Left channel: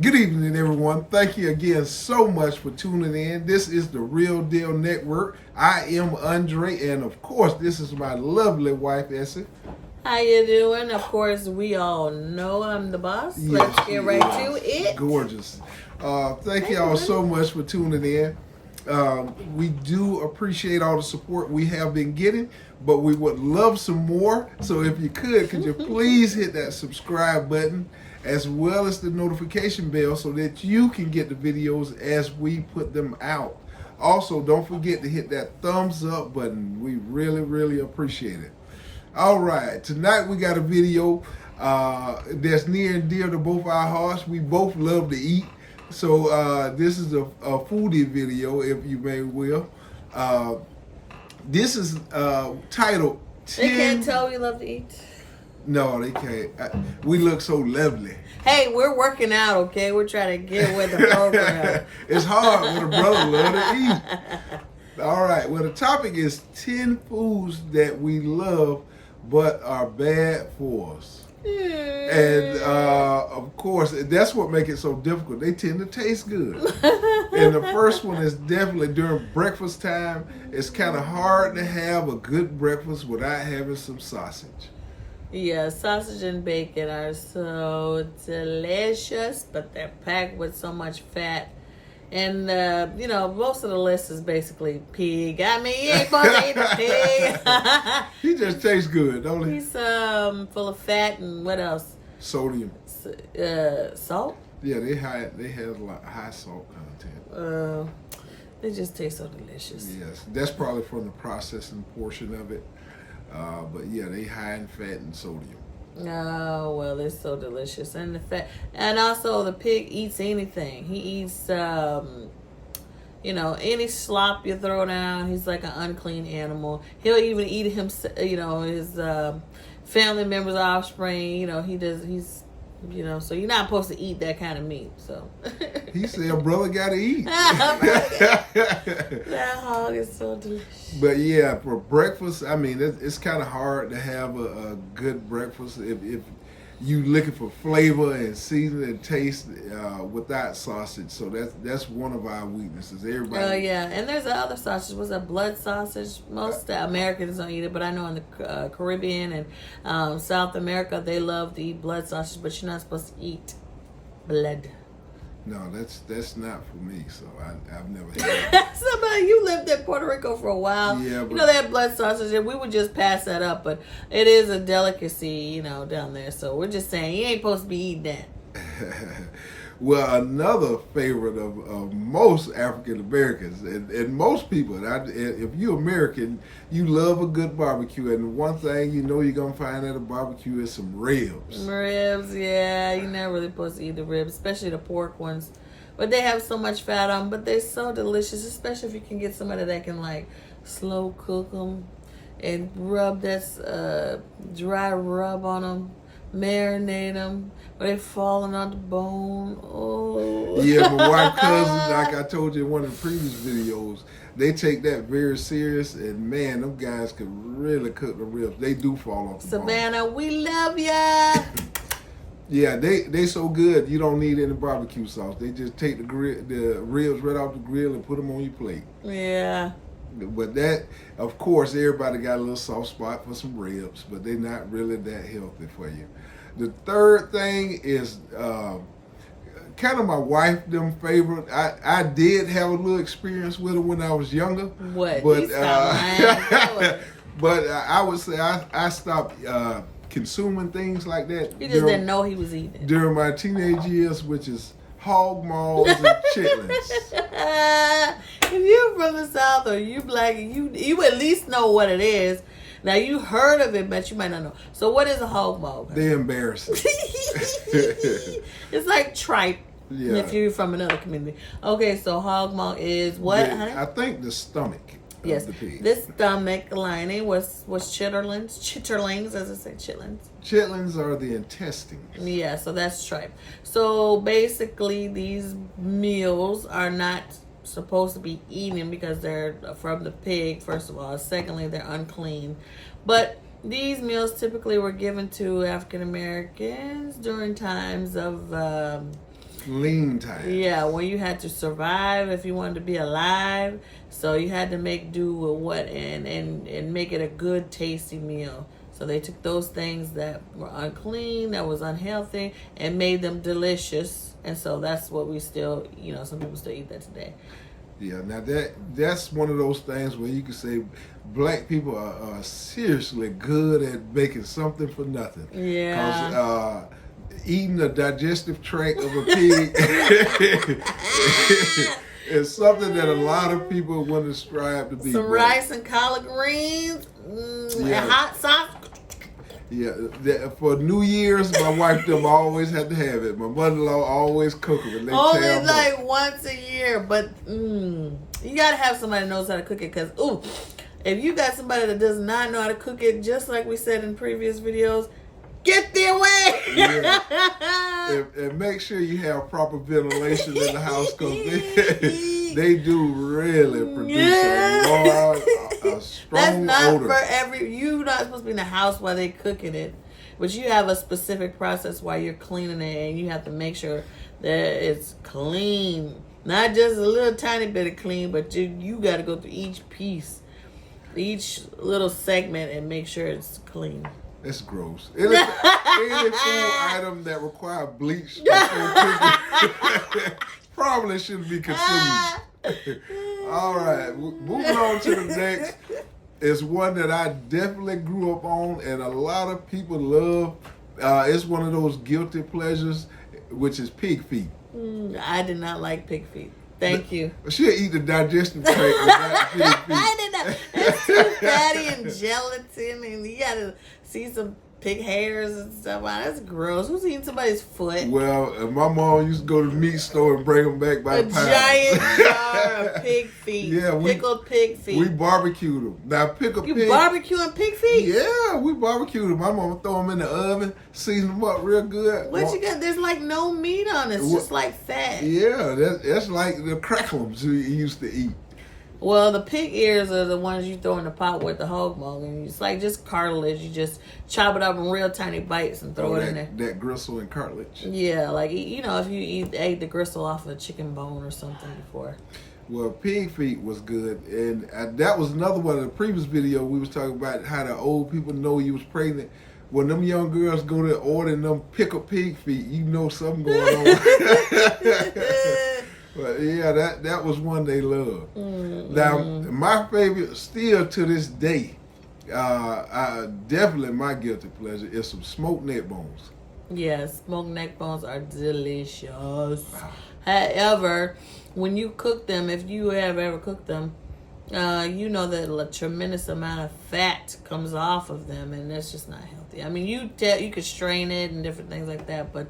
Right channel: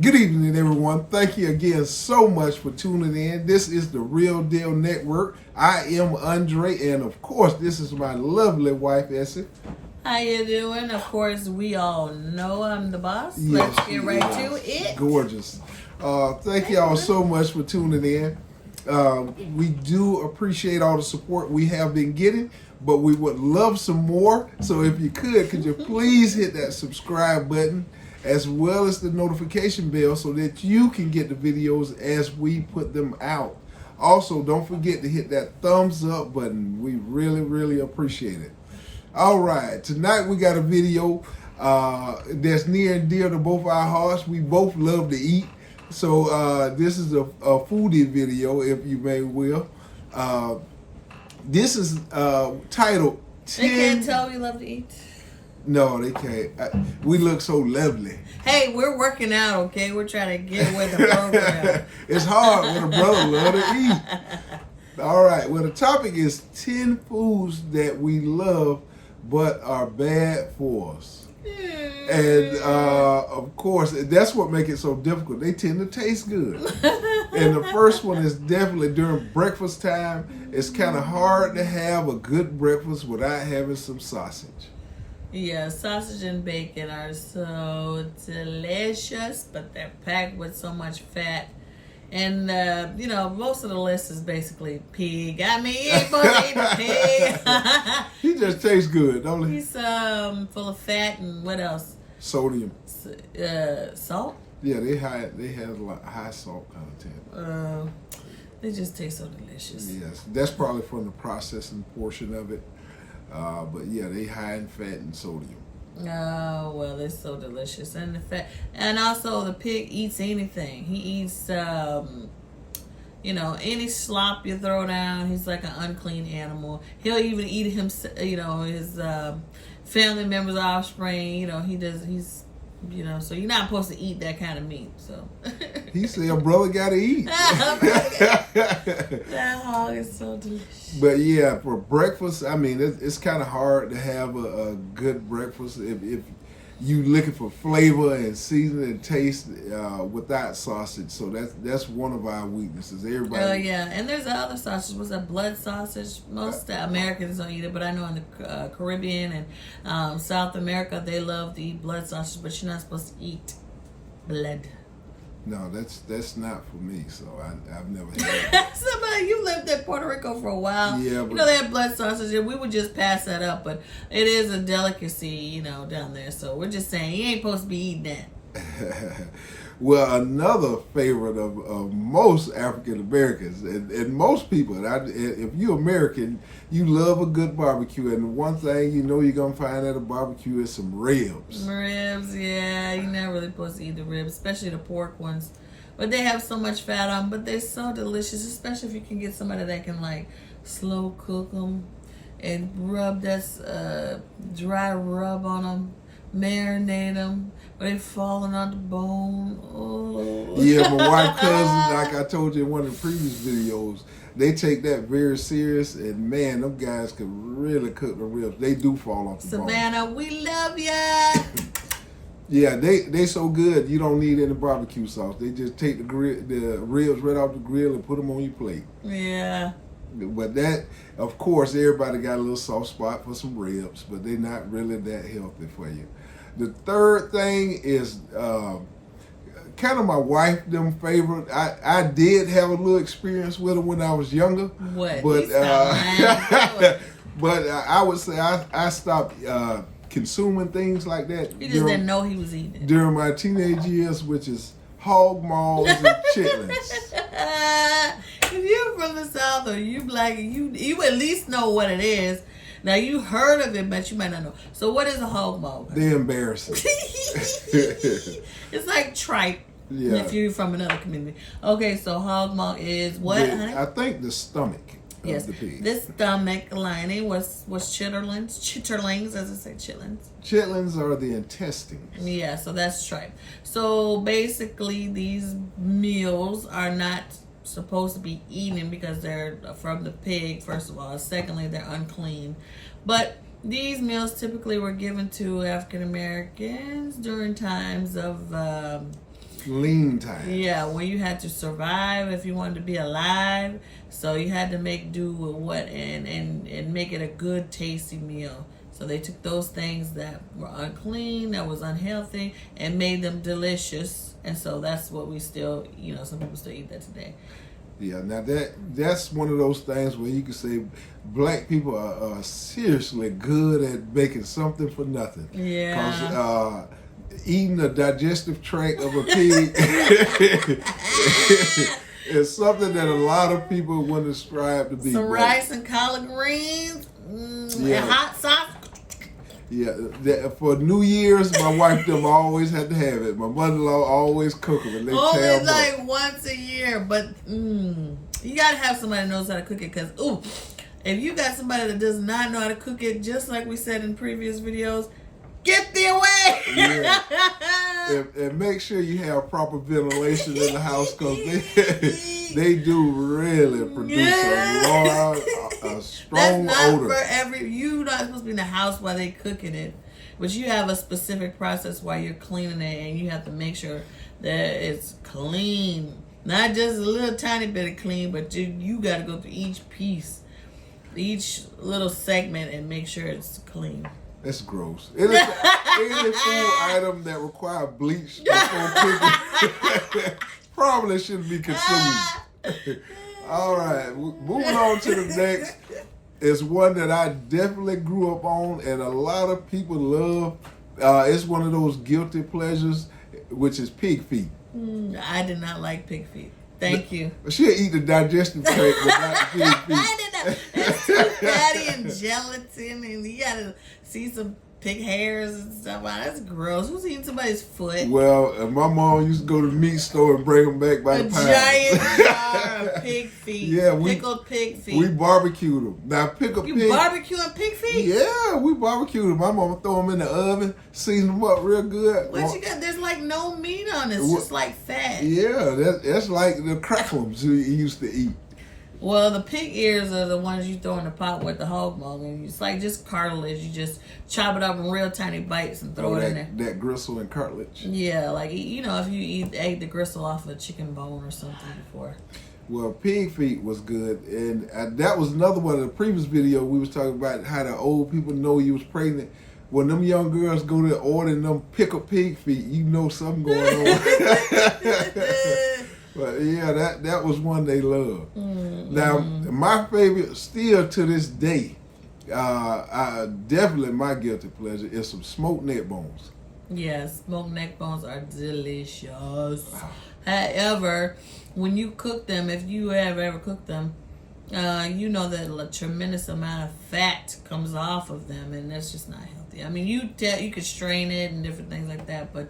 Good evening, everyone. Thank you again so much for tuning in. This is the Real Deal Network. I am Andre, and of course, this is my lovely wife, Essie. How you doing? Of course, we all know I'm the boss. Yes, Let's get right to it. Gorgeous. Thank you all so much for tuning in. We do appreciate all the support we have been getting, but we would love some more. So if you could you please hit that subscribe button as well as the notification bell so that you can get the videos as we put them out. Also, don't forget to hit that thumbs up button. We really appreciate it. All right, tonight we got a video that's near and dear to both our hearts. We both love to eat. So this is a foodie video, if you may will. This is titled 10... They can't tell we love to eat. No, they can't. We look so lovely. Hey, we're working out, okay? We're trying to get with the program. It's hard when a brother love to eat. All right, well, the topic is 10 foods that we love but are bad for us. And of course, that's what makes it so difficult. They tend to taste good. And the first one is definitely during breakfast time. It's kind of hard to have a good breakfast without having some sausage. Yeah, sausage and bacon are so delicious, but they're packed with so much fat. And, most of the list is basically pig. I mean, he ain't supposed to eat pig. He just tastes good, don't he? He's full of fat and what else? Sodium. Salt? Yeah, they have a lot high salt content. They just taste so delicious. Yes, that's probably from the processing portion of it. But yeah, they high in fat and sodium. Oh, well, it's so delicious. And the fat, and also the pig eats anything. He eats, any slop you throw down. He's like an unclean animal. He'll even eat his family members' offspring. So you're not supposed to eat that kind of meat. So he said, "Brother, gotta eat." That hog is so delicious. But yeah, for breakfast, I mean, it's kind of hard to have a good breakfast if you looking for flavor and season and taste without sausage. So that's one of our weaknesses. Everybody. Yeah, and there's other sausage. What's that? Blood sausage. Most Americans don't eat it, but I know in the Caribbean and South America they love to eat blood sausage. But you're not supposed to eat blood. No, that's not for me. So I've never had it. Somebody, you lived in Puerto Rico for a while. Yeah, but they had blood sausage, and we would just pass that up. But it is a delicacy, down there. So we're just saying you ain't supposed to be eating that. Well, another favorite of most African Americans and most people, if you're American, you love a good barbecue. And one thing you're going to find at a barbecue is some ribs. Ribs, yeah. You're not really supposed to eat the ribs, especially the pork ones. But they have so much fat on them, but they're so delicious, especially if you can get somebody that can, slow cook them and rub that dry rub on them. Marinate them, but they're falling on the bone. Oh. Yeah, my wife cousin, like I told you in one of the previous videos, they take that very serious, and man, them guys could really cook the ribs. They do fall off the bone. Savannah, we love ya. Yeah, they so good you don't need any barbecue sauce. They just take the ribs right off the grill and put them on your plate. Yeah. But that, of course, everybody got a little soft spot for some ribs, but they're not really that healthy for you. The third thing is kind of my wife them favorite. I did have a little experience with them when I was younger. What? But but I would say I stopped consuming things like that. You just didn't know he was eating during my teenage years, which is hog maws and chitlins. If you're from the South or you black, you at least know what it is. Now you heard of it, but you might not know. So what is a hog maw? They're embarrassing. It's like tripe. Yeah. If you're from another community. Okay, so hog maw is what? I think the stomach of the pig. The stomach lining was chitterlings, as I say, chitlins. Chitlins are the intestines. Yeah, so that's tripe. So basically, these meals are not supposed to be eaten because they're from the pig, first of all. Secondly, they're unclean. But these meals typically were given to African Americans during times of Lean time. Yeah, when you had to survive if you wanted to be alive. So you had to make do with what and make it a good, tasty meal. So they took those things that were unclean, that was unhealthy, and made them delicious. And so that's what we still, some people still eat that today. Yeah, now that's one of those things where you can say black people are seriously good at making something for nothing. Yeah. Because eating the digestive tract of a pig is something that a lot of people wouldn't strive to be. Some rice and collard greens, and hot sauce. Yeah, for New Year's, my wife them always had to have it. My mother-in-law always cook them, and they only tear them like up. once a year, but you gotta have somebody that knows how to cook it. Cause if you got somebody that does not know how to cook it, just like we said in previous videos, get their way. Yeah. and make sure you have proper ventilation in the house, because they do really produce a strong That's not odor. you're not supposed to be in the house while they cooking it, but you have a specific process while you're cleaning it, and you have to make sure that it's clean, not just a little tiny bit of clean, but you got to go through each piece, each little segment, and make sure it's clean. It's gross. Any food item that require bleach before cooking probably shouldn't be consumed. All right, moving on to the next is one that I definitely grew up on, and a lot of people love. It's one of those guilty pleasures, which is pig feet. I did not like pig feet. Thank you. She'll eat the digestive tract, but not the pig feet. I did not. It's so fatty and gelatin, and you gotta see some pig hairs and stuff. Wow, that's gross. Who's eating somebody's foot? Well, my mom used to go to the meat store and bring them back by the pound. A giant jar of pig feet. Yeah, pickled pig feet. We barbecued them. Now, You barbecuing pig feet? Yeah, we barbecued them. My mama throw them in the oven, season them up real good. What you got? There's like no meat on it. It's just like fat. Yeah, that's like the crackums we used to eat. Well, the pig ears are the ones you throw in the pot with the hog maw, and it's like just cartilage. You just chop it up in real tiny bites and throw it in there. That gristle and cartilage. Yeah, like if you ate the gristle off a chicken bone or something before. Well, pig feet was good, and that was another one of the previous video we was talking about how the old people know you was pregnant. When them young girls go to ordering them pickled pig feet, you know something going on. But yeah, that was one they loved. Now, my favorite, still to this day, definitely my guilty pleasure, is some smoked neck bones. Yes, smoked neck bones are delicious. However, when you cook them, if you have ever cooked them, you know that a tremendous amount of fat comes off of them, and that's just not healthy. I mean, you could strain it and different things like that, but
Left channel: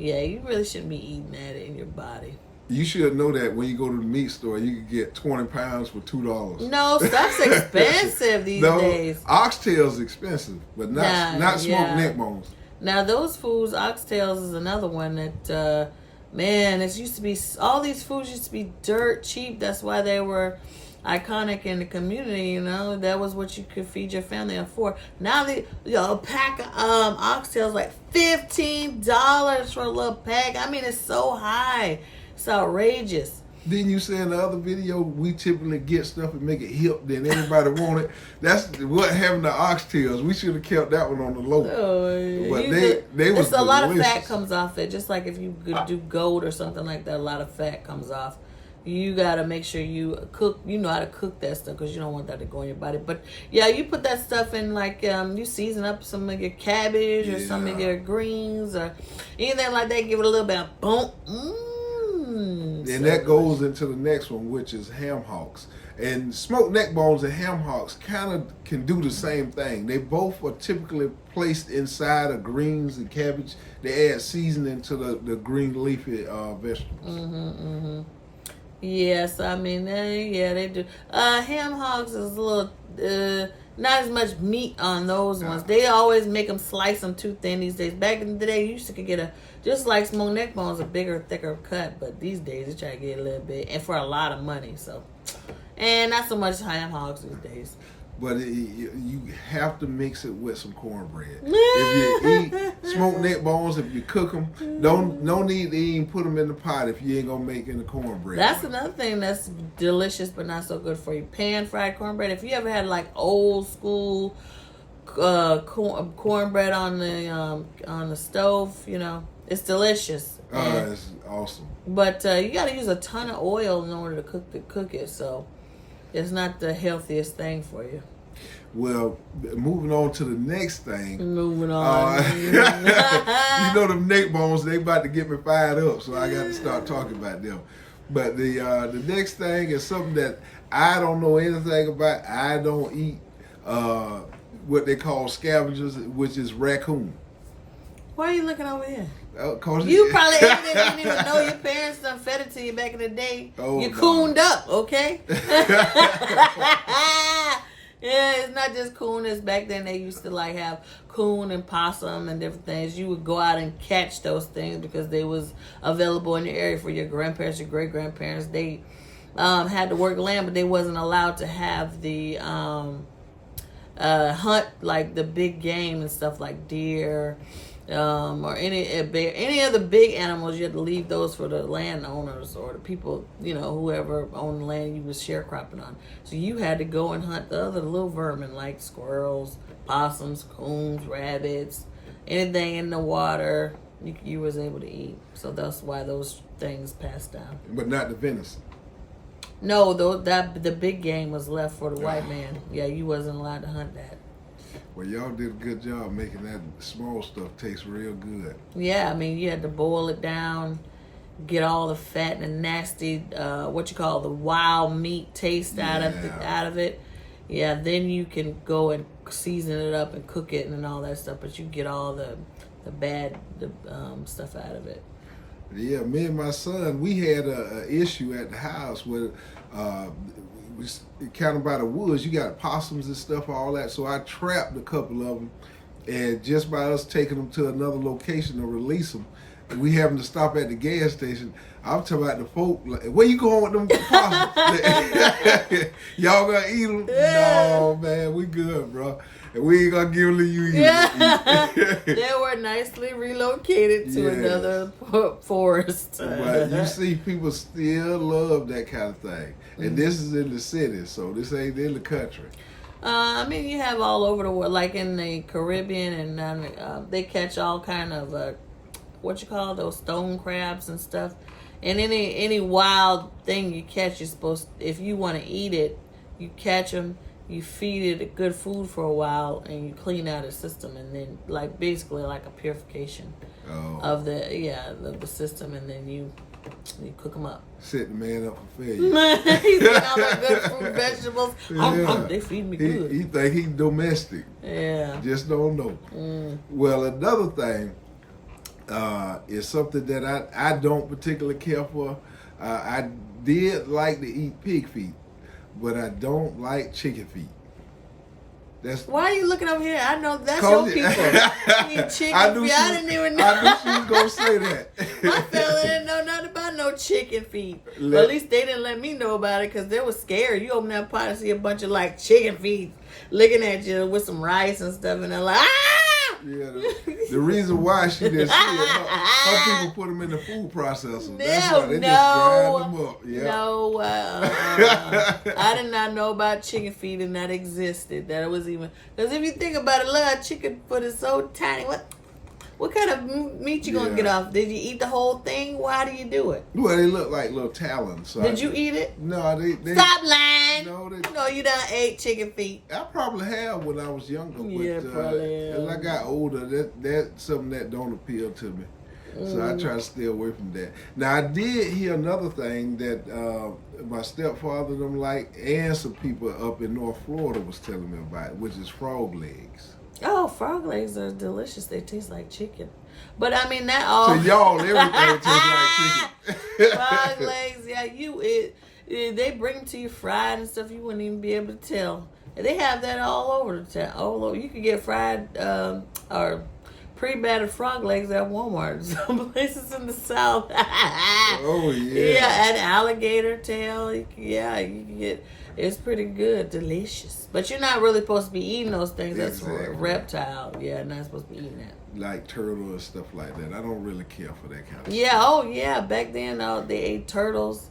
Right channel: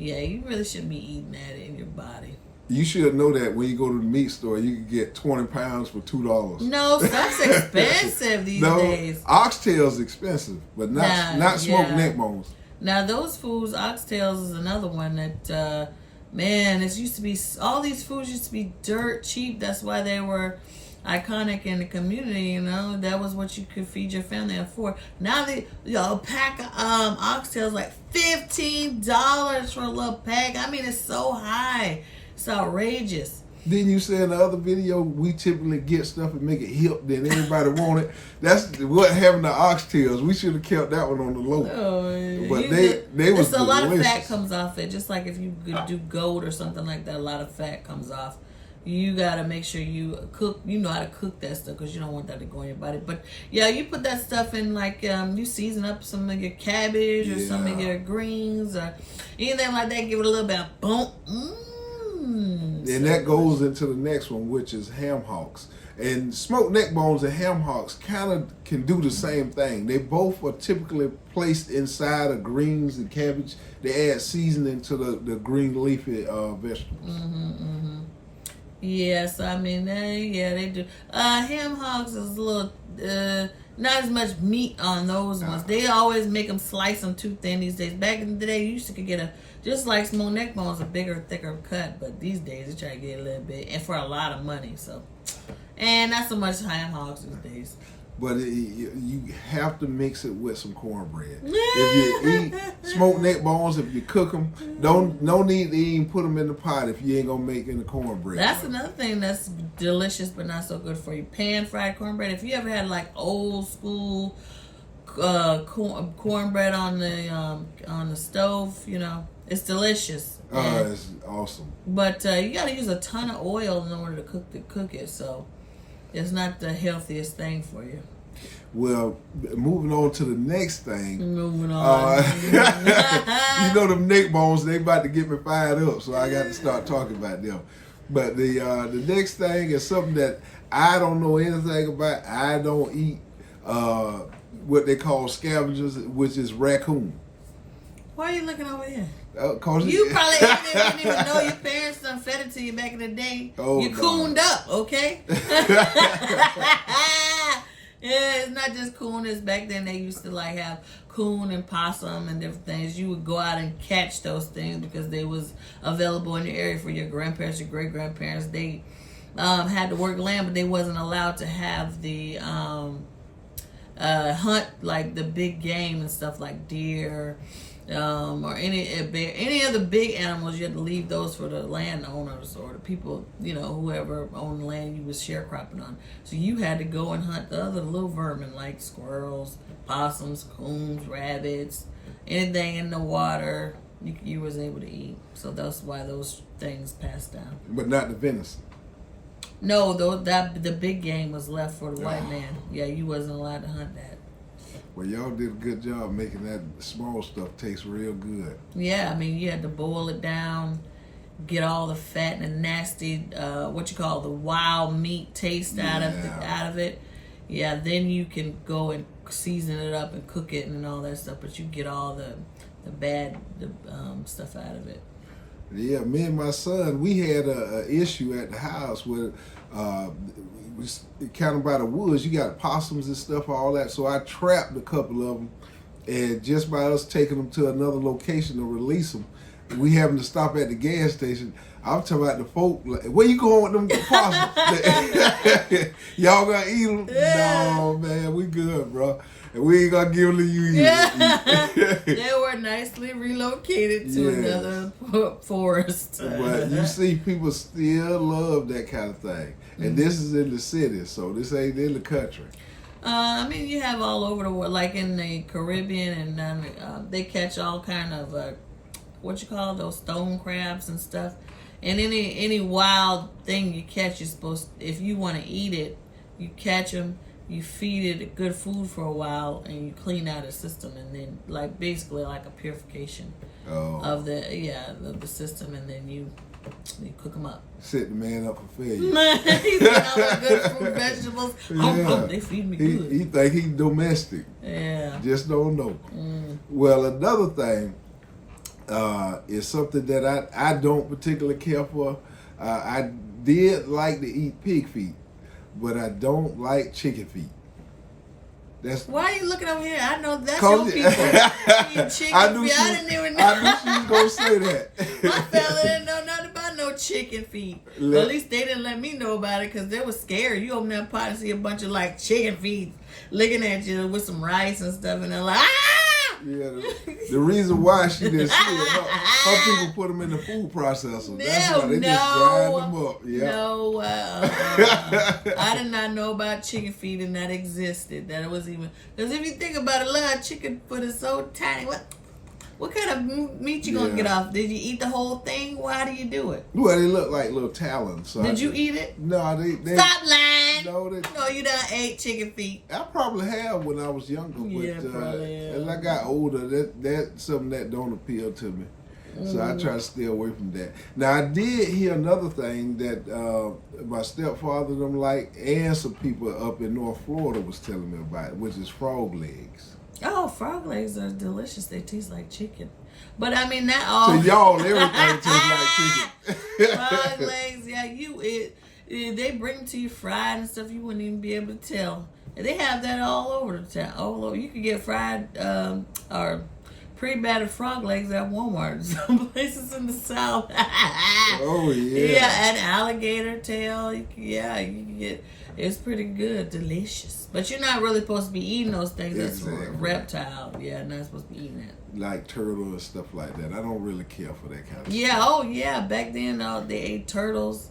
yeah, you really shouldn't be eating that in your body. You should know that when you go to the meat store, you can get 20 pounds for $2. No, that's expensive these days. Oxtail's expensive, but not smoked neck bones. Now, those foods, oxtails is another one that, man, all these foods used to be dirt cheap. That's why they were iconic in the community, That was what you could feed your family on for. Now, a pack of oxtails like $15 for a little pack. I mean, it's so high. It's outrageous. Didn't you say in the other video, we typically get stuff and make it hip, then everybody want it? That's what having the oxtails. We should have kept that one on the low. Oh, but they was delicious. A lot of fat comes off it. Just like if you do goat or something like that, a lot of fat comes off. You gotta make sure you cook. You know how to cook that stuff because you don't want that to go in your body. But yeah, you put that stuff in like you season up some of your cabbage or some of your greens or anything like that. Give it a little bit of boom. And that goes into the next one, which is ham hocks. And smoked neck bones and ham hocks kind of can do the same thing. They both are typically placed inside of greens and cabbage. They add seasoning to the green leafy vegetables. Yes, I mean, they do. Ham hocks is a little, not as much meat on those ones. They always make them slice them too thin these days. Back in the day, you used to get just like smoked neck bones, a bigger, thicker cut. But these days, they try to get a little bit, and for a lot of money. So, and not so much ham hocks these days. but you have to mix it with some cornbread. If you eat smoked neck bones, if you cook them, no need to even put them in the pot if you ain't gonna make any cornbread. That's another thing that's delicious but not so good for you. Pan fried cornbread. If you ever had like old school cornbread on the stove, you know, it's delicious. It's awesome. But you got to use a ton of oil in order to cook it, so it's not the healthiest thing for you. Well, moving on to the next thing. Moving on. You know them neck bones, they about to get me fired up, so I got to start talking about them. But the next thing is something that I don't know anything about. I don't eat what they call scavengers, which is raccoon. Why are you looking over here? You probably didn't even know your parents done fed it to you back in the day. Oh, you cooned up, okay? Yeah, it's not just coon. It's back then they used to like have coon and possum and different things. You would go out and catch those things because they was available in your area for your grandparents, your great grandparents. They had to work land, but they wasn't allowed to have the hunt like the big game and stuff like deer. Or any of the big animals, you had to leave those for the landowners or the people, you know, whoever owned the land you was sharecropping on. So you had to go and hunt the other little vermin like squirrels, possums, coons, rabbits, anything in the water you was able to eat. So that's why those things passed down. But not the venison. No, the big game was left for the white man. Yeah, you wasn't allowed to hunt that. Well, y'all did a good job making that small stuff taste real good. Yeah, I mean, you had to boil it down, get all the fat and the nasty, what you call the wild meat taste out of it. Yeah, then you can go and season it up and cook it and all that stuff, but you get all the bad stuff out of it. Yeah, me and my son, we had a issue at the house where kind of by the woods, you got possums and stuff, all that. So I trapped a couple of them, and just by us taking them to another location to release them, we having to stop at the gas station. I'm talking about the folk, like, where you going with them possums? Y'all gonna eat them? No, man, we good, bro. And we ain't gonna give them to you either. They were nicely relocated to another forest. But you see, people still love that kind of thing. And this is in the city, so this ain't in the country. I mean, you have all over the world, like in the Caribbean, and they catch all kind of what you call those stone crabs and stuff. And any wild thing you catch, you're supposed, if you want to eat it, you catch them, you feed it good food for a while, and you clean out the system, and then like basically like a purification of the system, and then you cook them up. Set the man up for failure. He's eating all the good fruit, vegetables. Yeah. They feed me good. He think he's domestic. Yeah. Just don't know. Well, another thing is something that I don't particularly care for. I did like to eat pig feet, but I don't like chicken feet. Why are you looking over here? I know that's your people. I knew she was gonna say that. My fella didn't know nothing about no chicken feet. Well, at least they didn't let me know about it because they were scared. You open that pot and see a bunch of like chicken feet looking at you with some rice and stuff, and they're like, ah! Yeah, the reason why she didn't see it, her people put them in the food processor. That's why they just grind them up. Yeah. No, I did not know about chicken feet and that existed. That it was even, because if you think about it, a chicken foot is so tiny. What kind of meat you gonna get off? Did you eat the whole thing? Why do you do it? Well, they look like little talons. So did you eat it? No, they Stop lying. No, you done ate chicken feet. I probably have when I was younger, but as I got older, that's something that don't appeal to me. So I try to stay away from that. Now I did hear another thing that my stepfather them like, and some people up in North Florida was telling me about, which is frog legs. Oh, frog legs are delicious. They taste like chicken. But I mean, that all. To y'all, everything tastes like chicken. Frog legs, yeah, they bring them to you fried and stuff. You wouldn't even be able to tell. They have that all over the town. All over. You can get fried or pre-battered frog legs at Walmart. Some places in the South. Oh yeah. Yeah, and alligator tail. Yeah, you can get. It's pretty good, delicious. But you're not really supposed to be eating those things. That's for a reptile. Yeah, not supposed to be eating that. Like turtle and stuff like that. I don't really care for that kind of Yeah. stuff. Oh yeah. Back then, they ate turtles.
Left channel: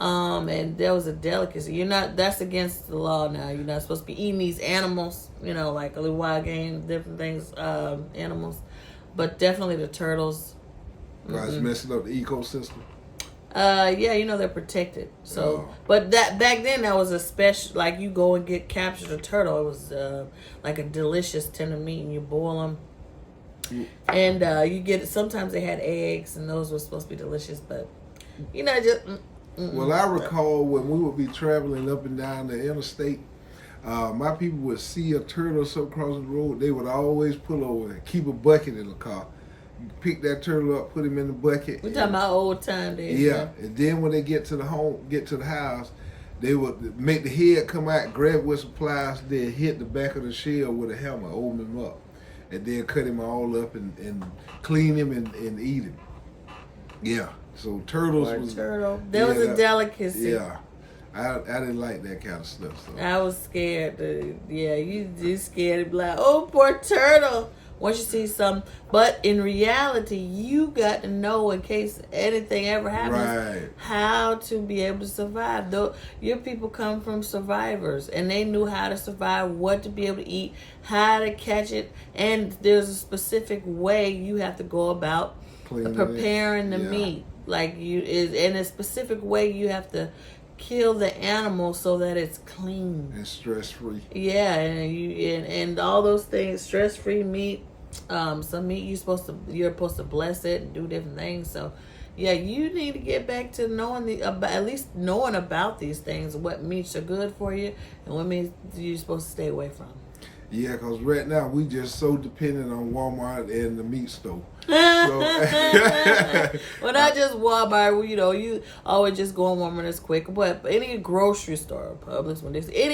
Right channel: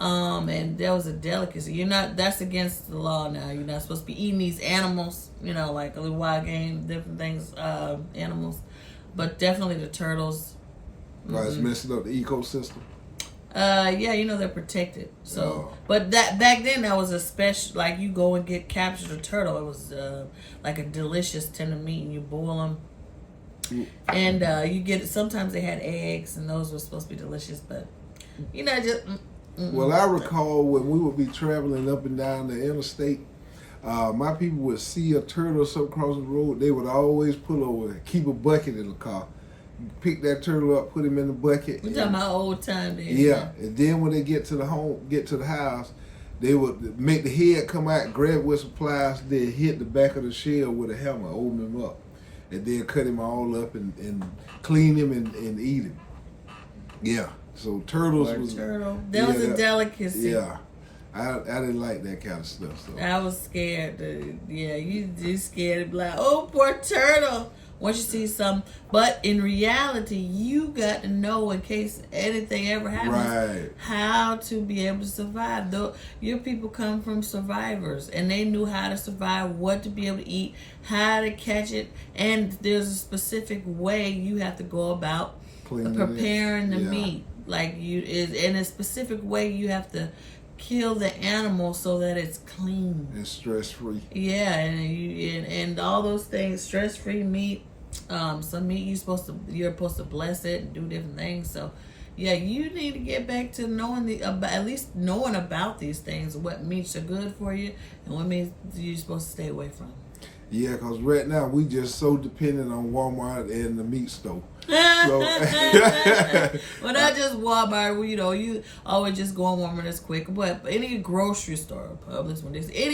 And there was a delicacy. You're not. That's against the law now. You're not supposed to be eating these animals. You know, like a little wild game, different things, animals. But definitely the turtles. Why it's messing up the ecosystem. Yeah, they're protected. So, but that back then that was a special. Like you go and capture a turtle. It was like a delicious tender meat, and you boil them, and you get. Sometimes they had eggs, and those were supposed to be delicious. But just. Well, I recall when we would be traveling up and down the interstate, my people would see a turtle or something crossing the road. They would always pull over and keep a bucket in the car. You pick that turtle up, put him in the bucket. We're talking about old time days. Yeah, and then when they get to the house, they would make the head come out, grab it with some pliers, then hit the back of the shell with a hammer, open him up, and then cut him all up and clean him and eat him. Yeah. So turtles was turtle. That was a delicacy. Yeah, I didn't like that kind of stuff. So I was scared. You scared to be like, oh, poor turtle. Once you see some, but in reality, you got to know in case anything ever happens, how to be able to survive. Though your people come from survivors, and they knew how to survive, what to be able to eat, how to catch it, and there's a specific way you have to go about preparing the meat. Like in a specific way, you have to kill the animal so that it's clean and stress free. Yeah, and all those things, stress free meat. Some meat you're supposed to bless it and do different things. So, yeah, you need to get back to knowing at least knowing about these things, what meats are good for you and what meats you're supposed to stay away from. Yeah, because right now we just so dependent on Walmart and the meat store. So, well, not just Walmart. You always just go on Walmart. It's quick, but any grocery store, Publix,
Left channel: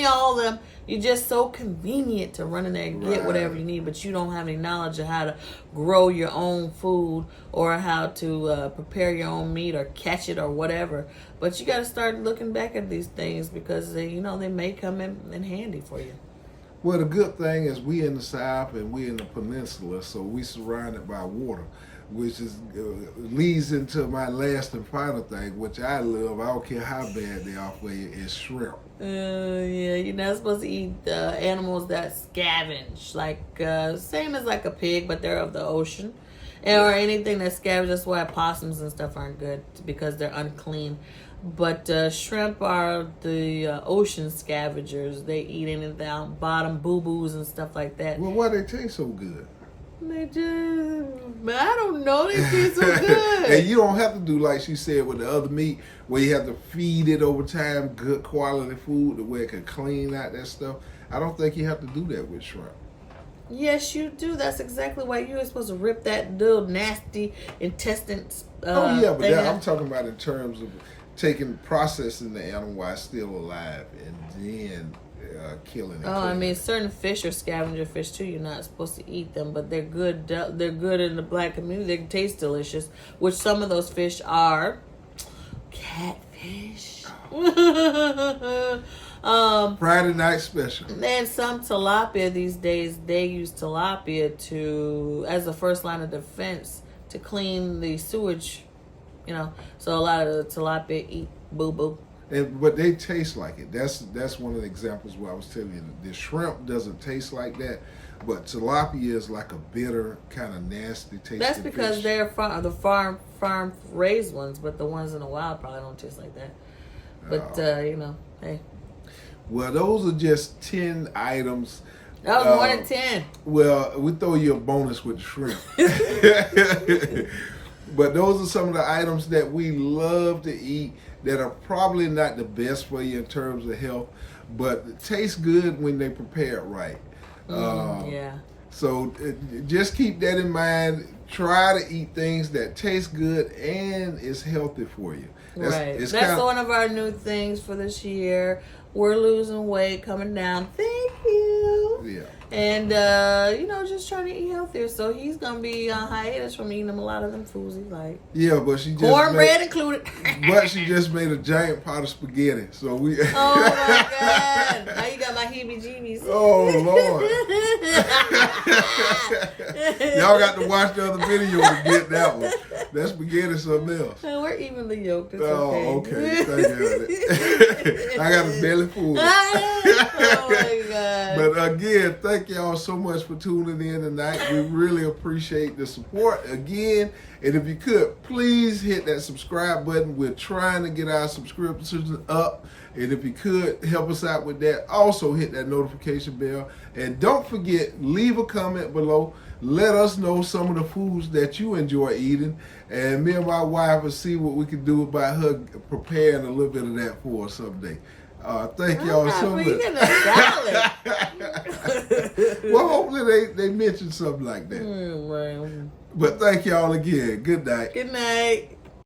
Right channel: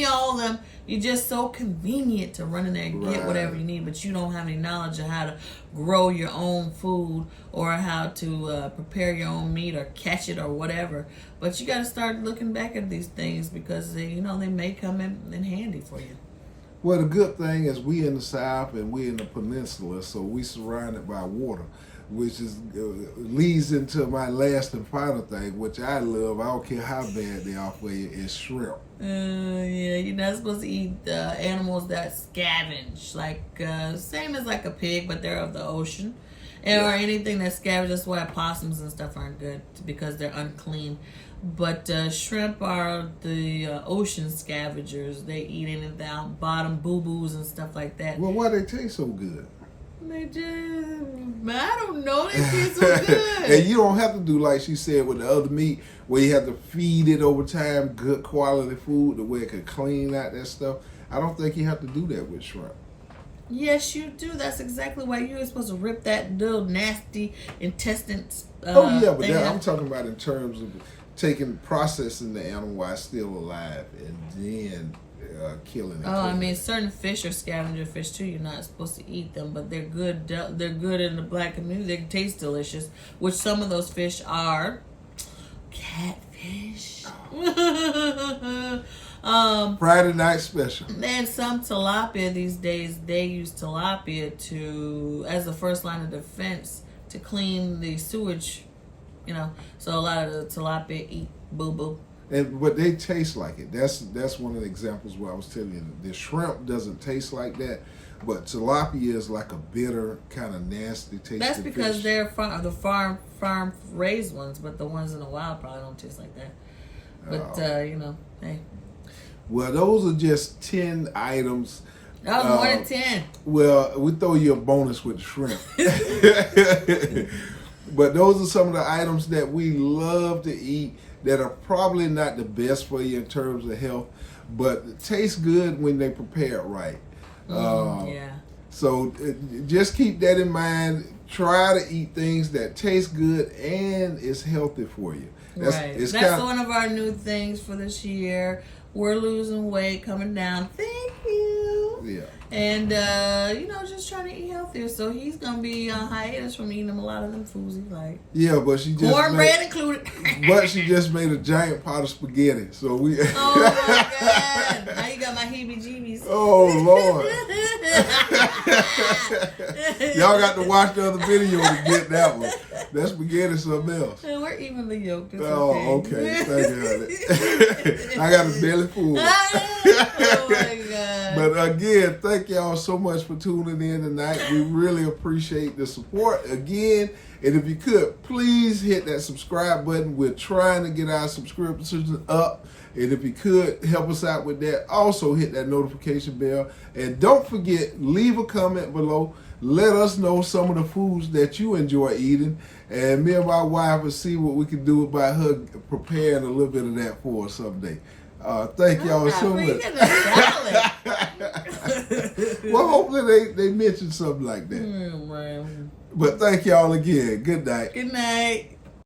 all of them, you're just so convenient to run in there and get whatever you need. But you don't have any knowledge of how to grow your own food or how to prepare your own meat or catch it or whatever. But you got to start looking back at these things because they may come in handy for you. Well, the good thing is we in the South and we in the peninsula, so we surrounded by water, which is leads into my last and final thing, which I love. I don't care how bad they are for you, is shrimp. Yeah, you're not supposed to eat animals that scavenge, like same as like a pig, but they're of the ocean, or anything that scavenges. That's why opossums and stuff aren't good because they're unclean. But shrimp are the ocean scavengers. They eat anything down bottom, boo-boos and stuff like that. Well, why they taste so good? They just, I don't know. They taste so good. And you don't have to do like she said with the other meat, where you have to feed it over time, good quality food, the way it can clean out that stuff. I don't think you have to do that with shrimp. Yes, you do. That's exactly why you're supposed to rip that little nasty intestines. But I'm talking about in terms of processing the animal while it's still alive and then killing it. I mean, certain fish are scavenger fish too. You're not supposed to eat them, but they're good. They're good in the black community. They can taste delicious, which some of those fish are catfish. Friday night special. And some tilapia these days, they use tilapia as the first line of defense to clean the sewage. So a lot of the tilapia eat boo-boo. But they taste like it. That's one of the examples where I was telling you the shrimp doesn't taste like that, but tilapia is like a bitter kind of nasty taste. That's because they're the farm raised ones, but the ones in the wild probably don't taste like that. But hey. Well, those are just 10 items. That was more than 10. Well, we throw you a bonus with the shrimp. But those are some of the items that we love to eat that are probably not the best for you in terms of health, but taste good when they prepare it right. So just keep that in mind. Try to eat things that taste good and is healthy for you. That's one of our new things for this year. We're losing weight, coming down. Thank you. Yeah. And just trying to eat healthier. So he's gonna be on hiatus from eating a lot of them foods he like. Yeah, but she just cornbread included. But she just made a giant pot of spaghetti. So we. Oh my God! Now you got my heebie-jeebies. Oh Lord! Y'all got to watch the other video to get that one. That spaghetti something else. We're evenly yoked. It's okay. Thank you, honey. I got a belly full. Oh my God! But again, thank y'all so much for tuning in tonight. We really appreciate the support again. And if you could, please hit that subscribe button. We're trying to get our subscriptions up. And if you could help us out with that, also hit that notification bell. And don't forget, leave a comment below. Let us know some of the foods that you enjoy eating. And me and my wife will see what we can do about her preparing a little bit of that for us someday. Thank y'all so much. Well, hopefully they mention something like that. But thank y'all again. Good night. Good night.